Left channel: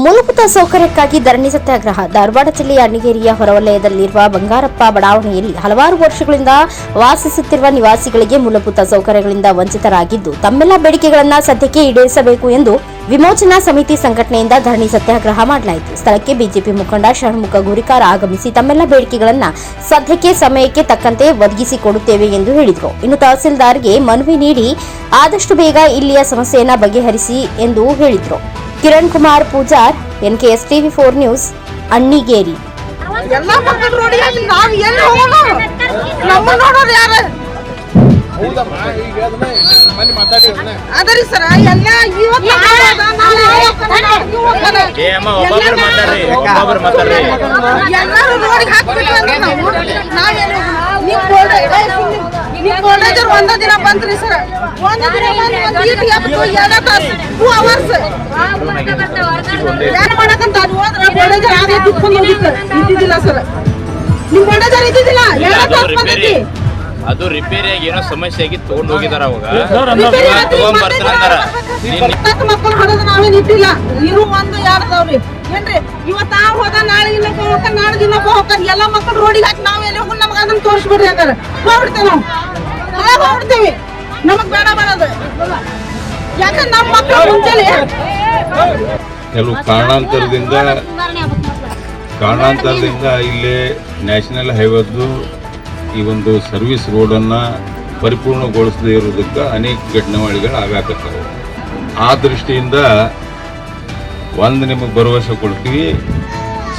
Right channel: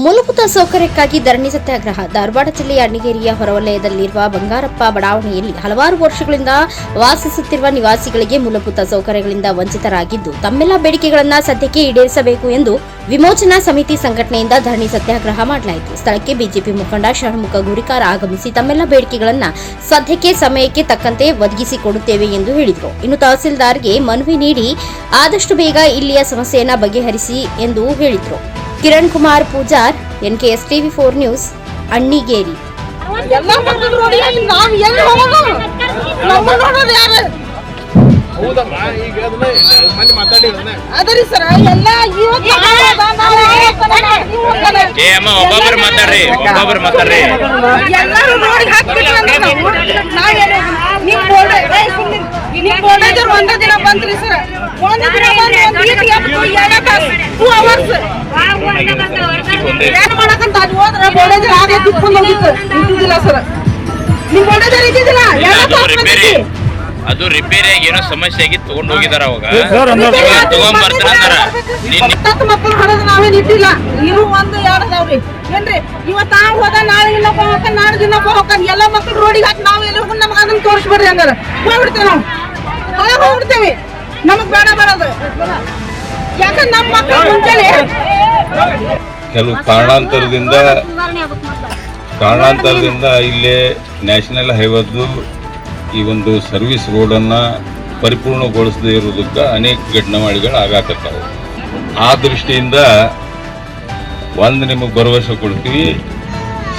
ಮೂಲಭೂತ ಸೌಕರ್ಯಕ್ಕಾಗಿ ಧರಣಿ ಸತ್ಯಾಗ್ರಹ. ಧಾರವಾಡ ಜಿಲ್ಲೆಯ ಅಣ್ಣಿಗೇರಿಯ ಹೊರವಲಯದಲ್ಲಿರುವ ಬಂಗಾರಪ್ಪ ಬಡಾವಣೆಯಲ್ಲಿ ಹಲವಾರು ವರ್ಷಗಳಿಂದ ವಾಸಿಸುತ್ತಿರುವ ನಿವಾಸಿಗಳಿಗೆ ಮೂಲಭೂತ ಸೌಕರ್ಯಗಳಿಂದ ವಂಚಿತರಾಗಿದ್ದು, ತಮ್ಮೆಲ್ಲ ಬೇಡಿಕೆಗಳನ್ನು ಸದ್ಯಕ್ಕೆ ಈಡೇರಿಸಬೇಕು ಎಂದು ವಿಮೋಚನಾ ಸಮಿತಿ ಸಂಘಟನೆಯಿಂದ ಧರಣಿ ಸತ್ಯಾಗ್ರಹ ಮಾಡಲಾಯಿತು. ಸ್ಥಳಕ್ಕೆ ಬಿಜೆಪಿ ಮುಖಂಡ ಷಣ್ಮುಖ ಗುರಿಕಾರ ಆಗಮಿಸಿ ತಮ್ಮೆಲ್ಲ ಬೇಡಿಕೆಗಳನ್ನು ಸದ್ಯಕ್ಕೆ ಸಮಯಕ್ಕೆ ತಕ್ಕಂತೆ ಒದಗಿಸಿಕೊಡುತ್ತೇವೆ ಎಂದು ಹೇಳಿದರು. ಇನ್ನು ತಹಸೀಲ್ದಾರ್ಗೆ ಮನವಿ ನೀಡಿ ಆದಷ್ಟು ಬೇಗ ಇಲ್ಲಿಯ ಸಮಸ್ಯೆಯನ್ನು ಬಗೆಹರಿಸಿ ಎಂದು ಹೇಳಿದರು. Kiran Kumar Pujar N K S TV four news Annigeri ಎಲ್ಲಾ ಮಕ್ಕಳು ನೋಡಿ ನಾವು ಎಲ್ಲಿ ಹೋಗೋಣ ನಮ್ಮ ನೋಡೋರು ಯಾರು ಅದರಿ ಸರ ಎಲ್ಲ ಇವತ್ತು ನೀವು ಹೋಗ್ತಾನೆ. ಏ ಅಮ್ಮ ಒಬ್ಬೊಬ್ರು ಮಾತಾಡ್ರಿ ಒಬ್ಬೊಬ್ರು ಮಾತಾಡ್ರಿ ಎಲ್ಲರೂ ರೋಡಿಗೆ ಹಾಕ್ಬಿಟ್ವಿ ಅಂದ್ರೆ ನಾವು ನಾವೆಲ್ಲಿ ಹೋಗೋಣ? ನಿಮ್ ಬೋರ್ಡ್ ಏ, ಸುಮ್ನಿರಿ. ನಿಮ್ ಬೋರ್ಡೇಜರ್ ಒಂದೇ ದಿನ ಬಂದ್ರಿ ಸರ್ ಒಂದೇ ದಿನ ಬಂದು ಒಂದ್ ಗೀಟ್ ಎಬ್ಬಿಟ್ಟು ಎರಡೇ ತಾಸು ಟೂ ಅವರ್ಸ್ ಅದು ರಿಪೇರಿ ಆಗಿ ಅದು ಏನೋ ಸಮಸ್ಯೆ ಆಗಿ ತಗೊಂಡ್ ಹೋಗಿದಾರ ಅವಾಗ. ತಗೊಂಡ್ಬರ್ತಾರ ತಗೊಂಡ್ ಬರ್ತಾರ ಮಕ್ಕಳು ಹಣದ ನಾವೇನ್ ಇಟ್ಟಿಲ್ಲ ಇರು ಒಂದು ಎರಡು ಅದಾವ್ರಿ? ಏನ್ರಿ? ಇವತ್ತ ಆ ಹೋದ ನಾಳೆ ಇನ್ನೊಬ್ಬ ಹೋಗ ನಾಳೆ ಇನ್ನೊಬ್ಬ ಹೋಗ ಎಲ್ಲ ಮಕ್ಕಳು ರೋಡಿಗೆ ಹಾಕಿ ನಾವ್ ಎಲ್ಲಿ ಹೋಗಿ ನಮ್ಗೆ ಅದನ್ನ ತೋರಿಸ್ಬಿಡ್ರಿ ಅಂದಾರ. ಹೋಗ್ಬಿಡ್ತೇವೆ ನಾವು. ಹೋಗ್ಬಿಡ್ತೇವೆ ನಮಗ್ ಬೇಡ ಬೇಡದು ಯಾಕಂದ್ರೆ ನಮ್ಮ ಮಕ್ಕಳು ಮುಂಚೆಲಿ ಕೆಲವು ಕಾರಣಾಂತರದಿಂದ ಕಾರಣಾಂತರದಿಂದ ಇಲ್ಲೇ ನ್ಯಾಷನಲ್ ಹೈವೇದ್ದು ಈ ಒಂದು ಸರ್ವಿಸ್ ರೋಡನ್ನು ಪರಿಪೂರ್ಣಗೊಳಿಸದೇ ಇರೋದಕ್ಕೆ ಅನೇಕ ಘಟನಾವಳಿಗಳು ಆಗಾಕತ್ತಾವು. ಆ ದೃಷ್ಟಿಯಿಂದ ಒಂದು ನಿಮಗೆ ಭರವಸೆ ಕೊಡ್ತೀವಿ,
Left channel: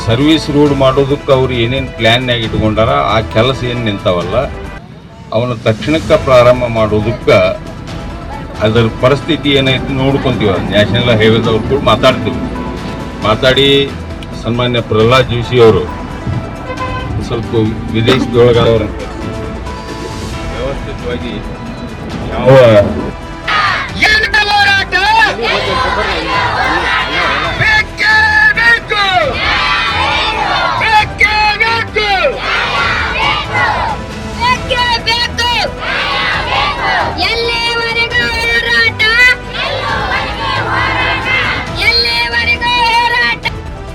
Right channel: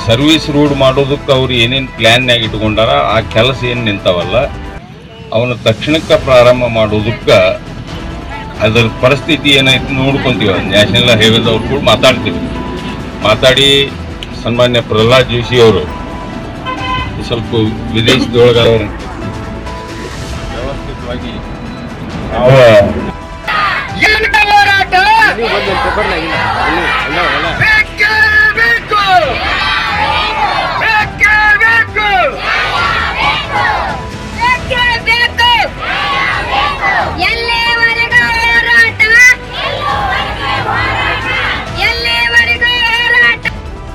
ಸರ್ವಿಸ್ ರೋಡ್ ಮಾಡೋದಕ್ಕೆ ಅವ್ರು ಏನೇನು ಪ್ಲ್ಯಾನ್ನಾಗ ಇಟ್ಕೊಂಡಾರ, ಆ ಕೆಲಸ ಏನು ನಿಂತಾವಲ್ಲ, ಅವನ್ನ ತಕ್ಷಣಕ್ಕೆ ಪ್ರಾರಂಭ ಮಾಡೋದಕ್ಕೆ ಅದರ ಪರಿಸ್ಥಿತಿ ಏನೈತಿ ನೋಡ್ಕೊಂತೀವಿ. ನ್ಯಾಷನಲ್ ಹೈವೇದವ್ರು ಕೂಡ ಮಾತಾಡ್ತೀವಿ. ಮಾತಾಡಿ ಸನ್ಮಾನ್ಯ ಪ್ರಹ್ಲಾದ್ ಜೋಶಿ ಅವರು. ಸ್ವಲ್ಪ ವಿದೇಶದೊಳಗೆ ವ್ಯವಸ್ಥಿತವಾಗಿ ಯಾವ